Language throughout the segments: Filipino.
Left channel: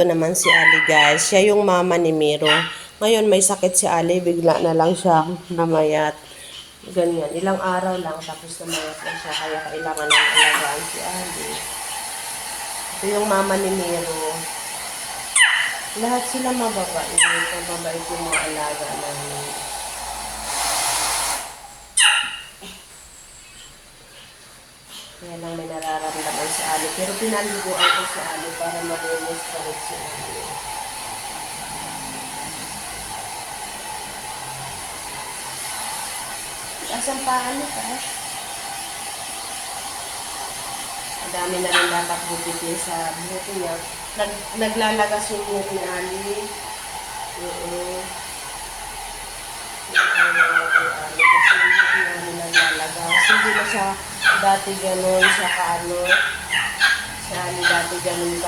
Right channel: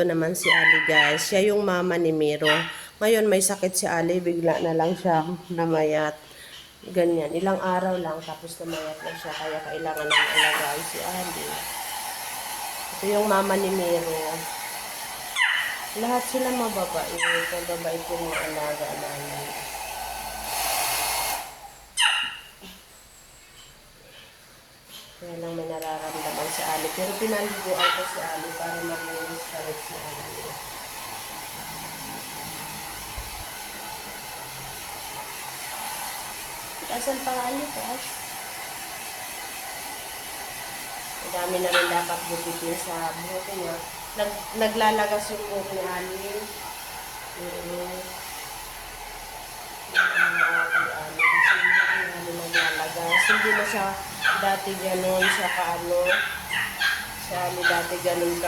Ito naman si Ali guys. Siya yung mama ni Miro. Ngayon may sakit si Ali. Bigla na lang siya namayat. Ganyan. Ilang araw lang tapos namayat na siya. Kaya kailangan ng alagaan si Ali. Ito yung mama ni Miro. Lahat sila mababait. Mababait yung mga alaga namin. Kaya lang may nararamdaman si Ali. Pero pinaliguan ko si Ali para malinis pa rin si Ali. Taas ang paa niya, taas. Madami na rin dapat bukit niya sa buhok niya. Naglalagas yung buhok ni Ali. Naglalagas. Hindi na siya dati ganun siya kaano. Si Ali dati ganun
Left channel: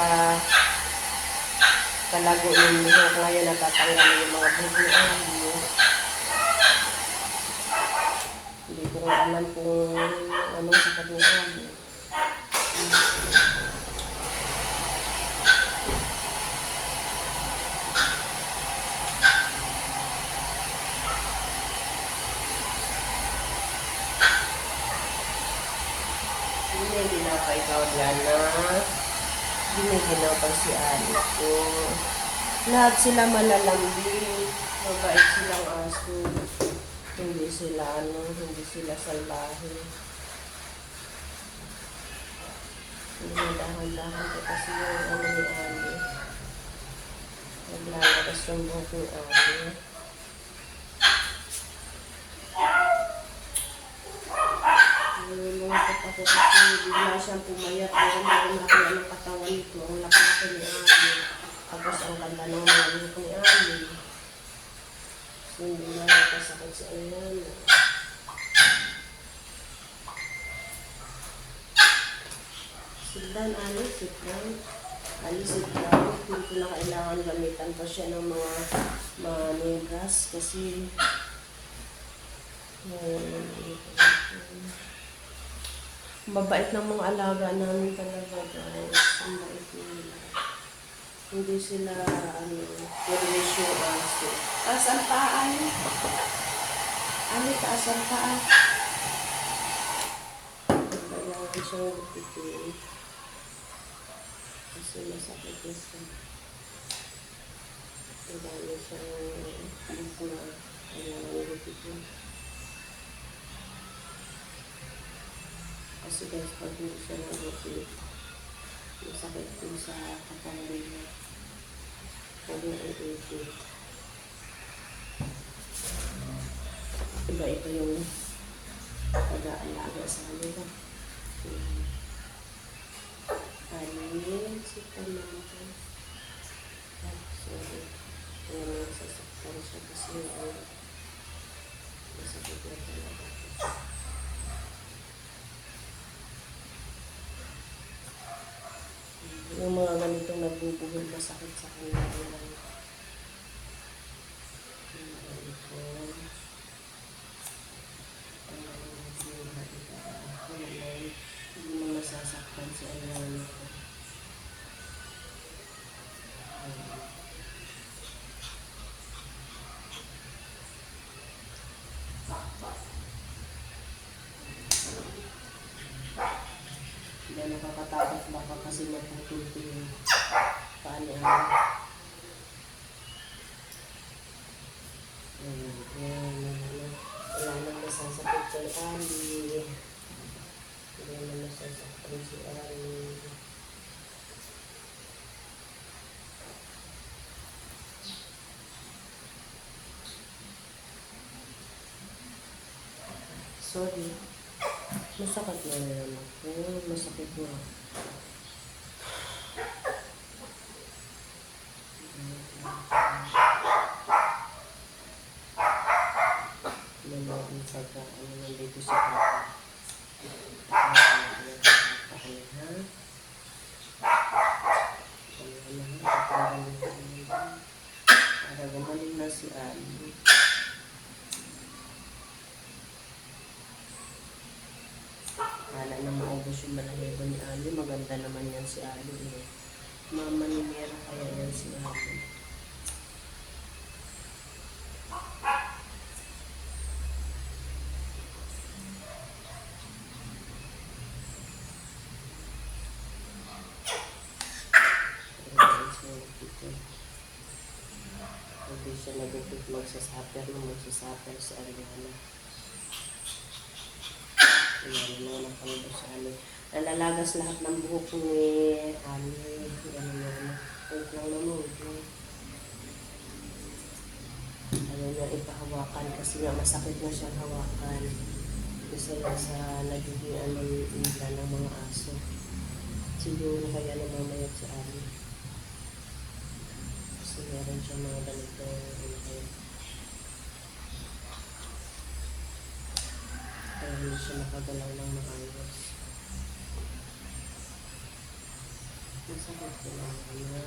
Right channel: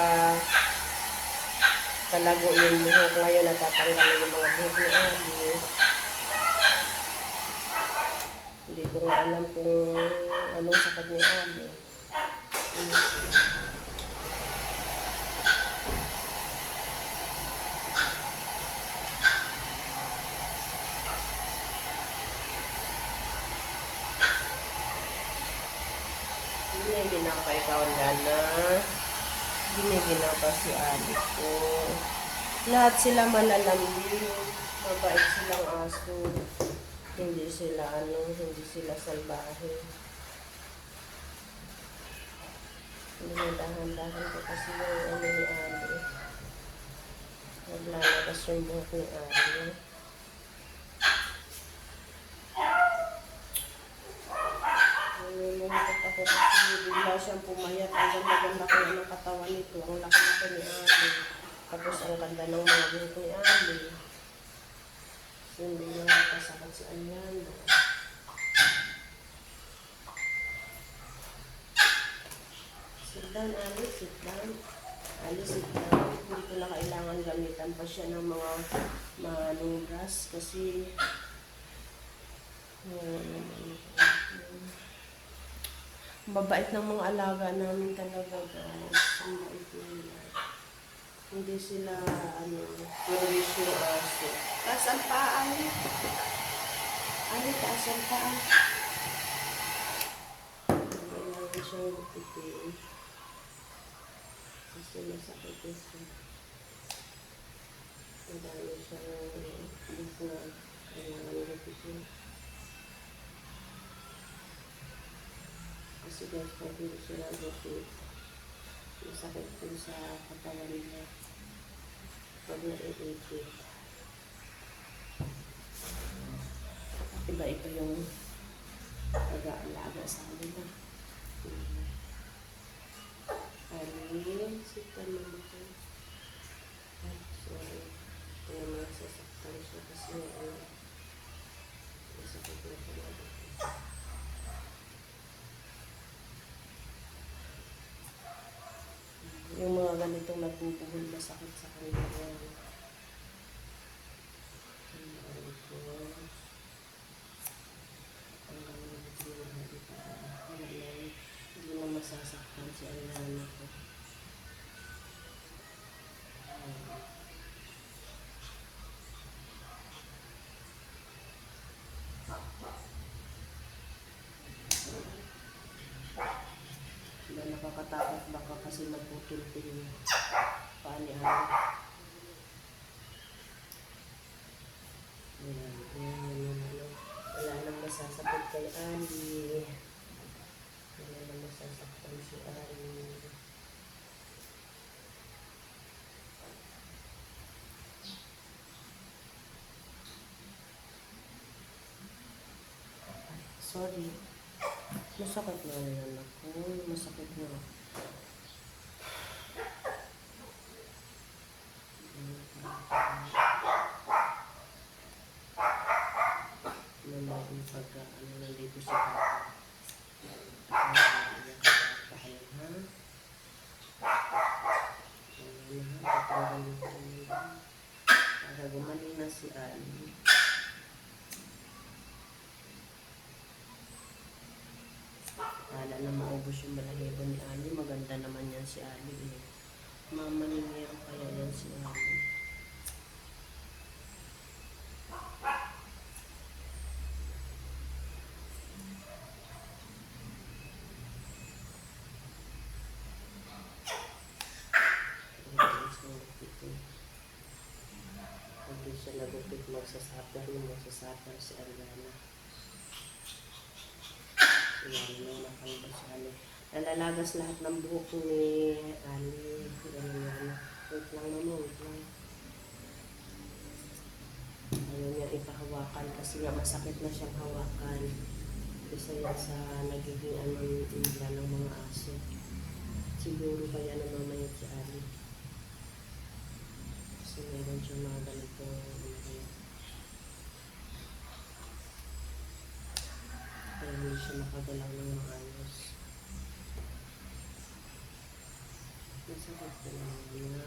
kalago yung buhok. Ngayon natatanggal yung mga buhok. Hindi ko nga alam kung anong sakit niya Ali. Giniginaw pa ikaw, Lana. Giniginaw pa si Ali ko. Lahat sila malalambing. Mabait silang aso. Hindi sila hindi sila salbahe. Hindi dahan-dahan ko kasi yung ni Ali. Naglalakas yung buhok ni Ali. Nalulungkot ako kasi bigla siyang pumayat. Ang laki na ng katawan nito. Ang laki ni Ali. Tapos ang ganda ng mga buhok ni Ali. Hindi na nakasakot sa ayan. Sit down, Ali. Sit down. Ali, sit down. Hindi ko na kailangan gamitan pa siya ng mga manugas kasi mabait ng mga alaga namin talaga, guys. Ang bait nila. Hindi sila, curious yung aso. Taas ang paa, Ali. Ali, taas ang paa. Kailangan siya magpipili. Kasi masakit na siya. Kailangan siya kailangan magpipili. Kasi guys, pag hindi siya nag-update, masakit din sa katawan niya. Pag nag-update. Iba-iba yung pag-aalaga sa kanila. Ayun, sitan natin. Sorry. Alam mo, sasaktan siya kasi masakit na talaga. Yung mga ganitong nagbubugol pa sakit sa kanila. Hindi na masasaktan si Ayan ko. Hindi nakakatakot baka kasi maputol yung paa ni Ali. Wala nang masasakit kay Ali. Hindi na masasaktan si Ali. Sorry. Masakit na naman ako. Masakit na. Malaking pagkaano nandito sa papa. Para gumaling na si Ali. Wala na maubos yung balahibo ni Ali. Maganda naman yan si Ali. Mama ni Mero kaya yan si ate. Hindi siya nagupit magsasuffer si Ariana. Lalo na ng Panginoon si Ali. Nalalagas lahat ng buhok ni Ali. Ganyan. Wait lang naman. Wait lang. Ayaw niya ipahawakan kasi nga masakit na siyang hawakan. Isa yan sa nagiging nila ng mga aso. Siguro kaya namamayat si Ali. Kasi meron siya mga ganito. Kaya hindi siya makagalaw ng maayos. Masakit na niya.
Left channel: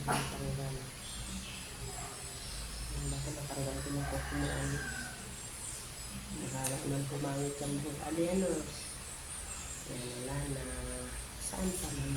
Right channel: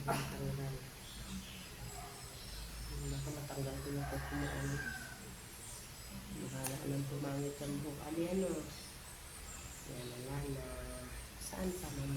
Matanggal. Ako matanggal ko yung buhok ni Ali. Mahalap man pumangit ang buhok. Ali ano? Kaya wala na. Saan pa man?